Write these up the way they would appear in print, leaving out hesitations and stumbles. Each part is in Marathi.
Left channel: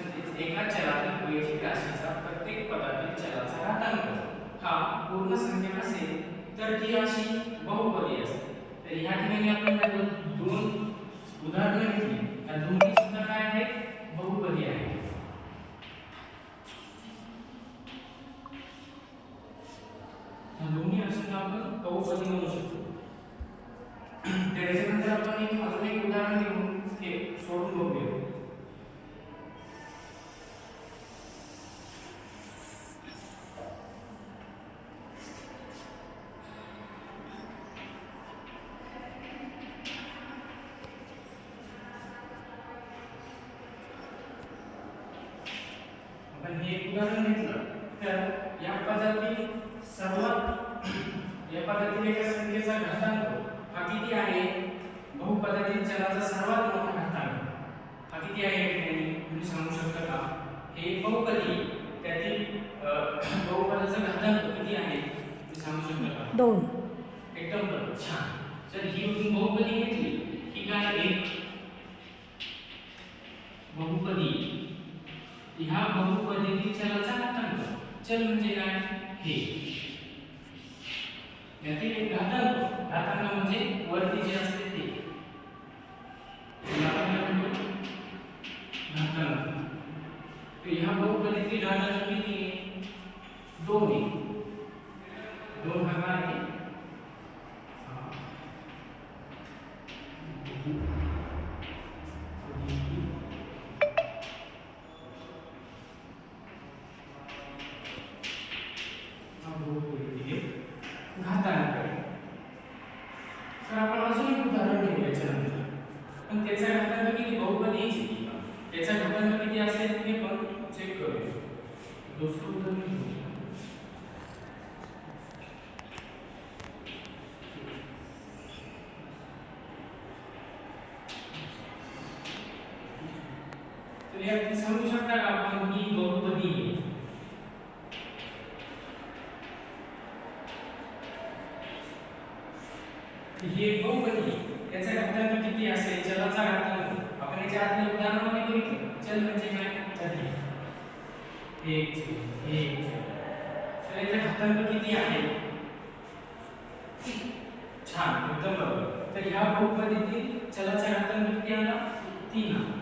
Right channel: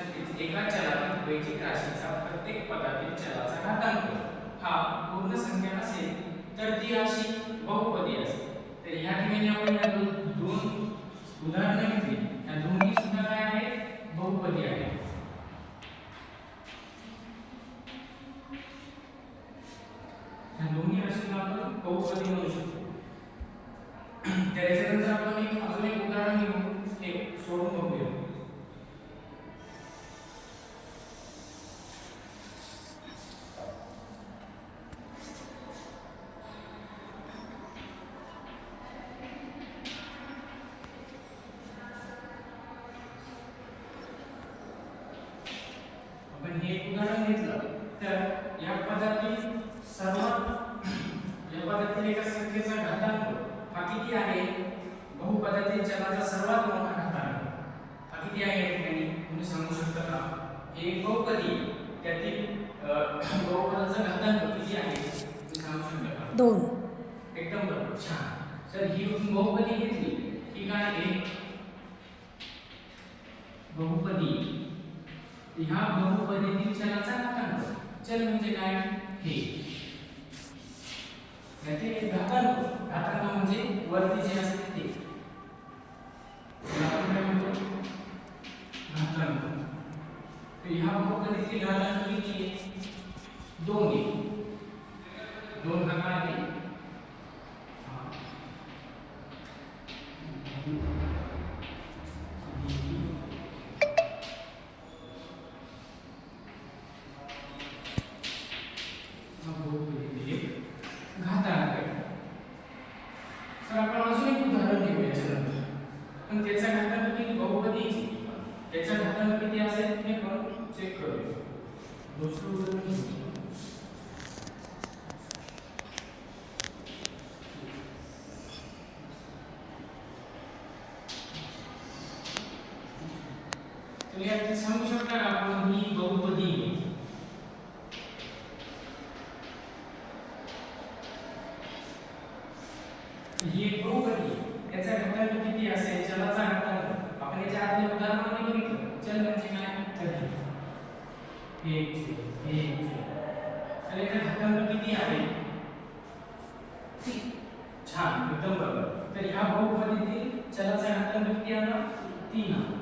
नक्कीच एका चलातील वैयक्तिक राशीचा प्रत्येक पदातील चलाचा घातांक हा पूर्ण संख्या नसेल तर ती राशी बहुपदी असते. तर या ठिकाणी आपण या दोन उदाहरणे घेतली. या दोन्ही सुद्धा काय आहेत? बहुपदी आहेत. या दोन्ही राशींना आपण बहुपदी म्हणू शकतो. त्याच्यानंतर आपण अजून एक उदाहरण घेऊन हे सोडून बघूया. आपण हे उदाहरण घेतलं तर या पदातील एका संख्येचा घातांक हा किती आहे? बहुपदातील चलाचा सर्वात मोठा घातांक हा किती आहे? या ठिकाणी तुम्ही सांगू शकता का? हे बहुपदी त्यातील बहुपदाचा घातांक किती आहे तुम्ही सांगू शकता का? 2. एकदम बरोबर, छान. जर ही बहुपदी घेतली ही काय? एक बहुपदी. ह्या बहुपदीतील चलाचा घातांक, चल म्हणजे काय? हे यातील एक घातांक. घातांक म्हणजे वरती जे असते ते घातांक. तर ह्या बहुपदीतील घातांक किती आहे? 2 आहे. 2 हा काय आहे? घातांक आहे. तर आपण अजून एक उदाहरण घेऊ याच्यानंतर. पण त्याचा घातांक किती? बहुपदीची त्याचा घातांक किती असेल हे पण चेक करूया. दुसरं उदाहरण घेऊ. तर यात सांगू शकता का आपण ही बहुपदी ही एक बहुपदी याचा घातांक किती असेल? चलाचा घातांक आपण याच्या आधी उदाहरणामध्ये बघितलं. चल म्हणजे काय? तर तर याचा घातांक किती आहे? छान, एकदम बरोबर. तर ह्या बहुपदीतील चलाचा घातांक किती आला? 3 आला.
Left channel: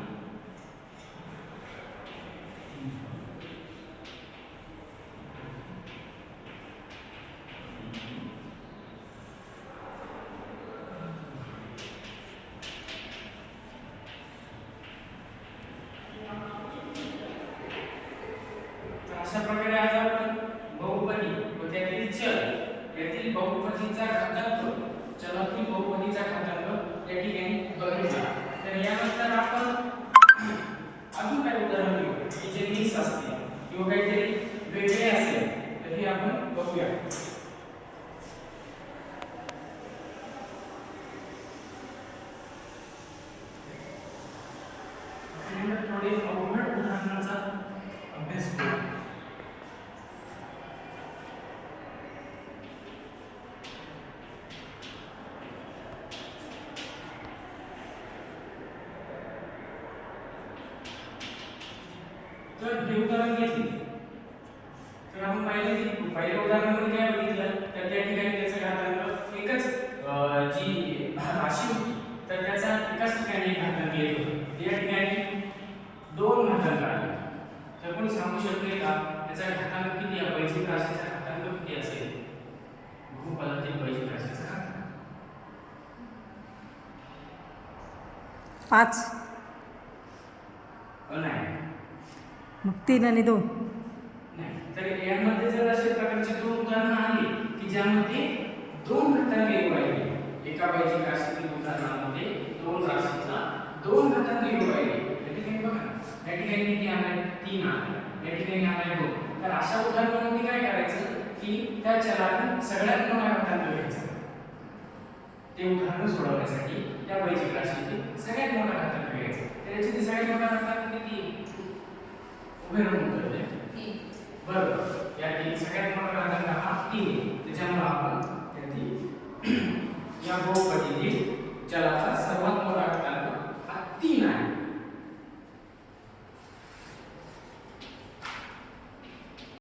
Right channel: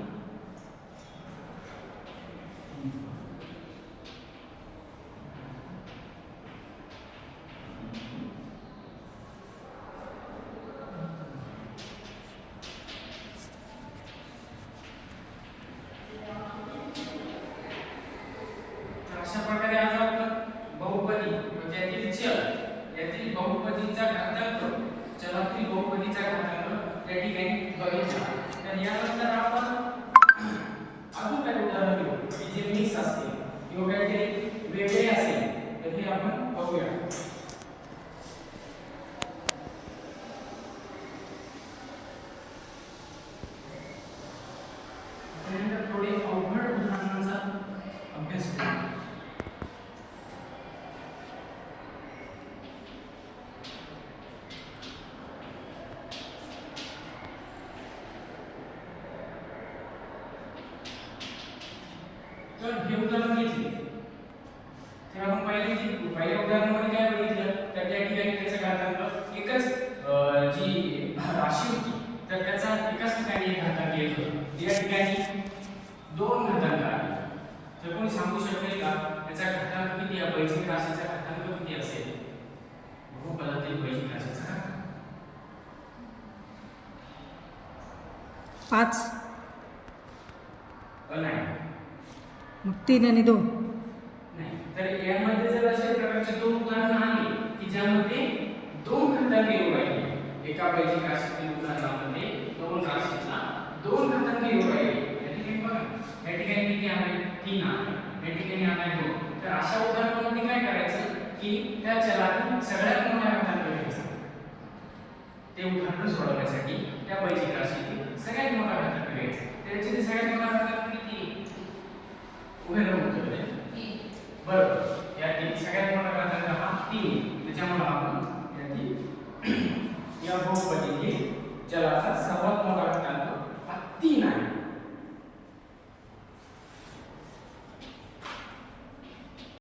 अशा प्रकारे आज आपण बहुपदी म्हणजे यातील बहुपदीचा घातांक, चलातील बहुपदीचा घातांक या ठिकाणी बघितला. तर यानंतर आपण अजून काही उदाहरण घेऊ की जे मिक्स असतील किंवा काहीतरी वेगळे असेल तर हे आपण बघूया. आपण थोडे अवघड उदाहरणांचा अभ्यास करू. तर हे उदाहरण घेतले तर आपण पहिल्या उदाहरणामध्ये काय बघितलं तर त्या ठिकाणी त्याचा घातांक एकच जी राशी होती तर त्याचा एकाच ठिकाणी एक घातांक येत होता. या ठिकाणी 2 घातांक आले. तर कोणी सांगू शकेल का त्याचा घातांक किती आहे? वैयक्तिक राशीचा घातांक किती असेल? बहुपदातील वैयक्तिक राशीचा घातांक 5. नाही. मग 3 आणि 2. नाही. तर यामध्ये जर अशा प्रकारचे 2 उदाहरणं आली की ज्यामध्ये 2 घातांक येऊ राहिले. एका वैयक्तिक राशीतील उदाहरणामध्ये 2 राशीचा 2 घातांक येऊ राहिले. या ठिकाणी बघा, या ठिकाणी किती आले? 3 आले. या ठिकाणी आले 2. तर अशा उदाहरणामध्ये काय करायचं की त्या चलातील सगळ्यात मोठा घातांक घ्यायचा. ते उदाहरण सोडवण्यासाठी त्या वैयक्तिक राशीतील सगळ्यात मोठा घातांक घ्यायचा. त्याचे सगळ्यात मोठा घातांक किती? उदाहरण उत्तर आहे. बरोबर. यातील सगळ्यात मोठा घातांक हा 3. त्याच्यामुळे आपण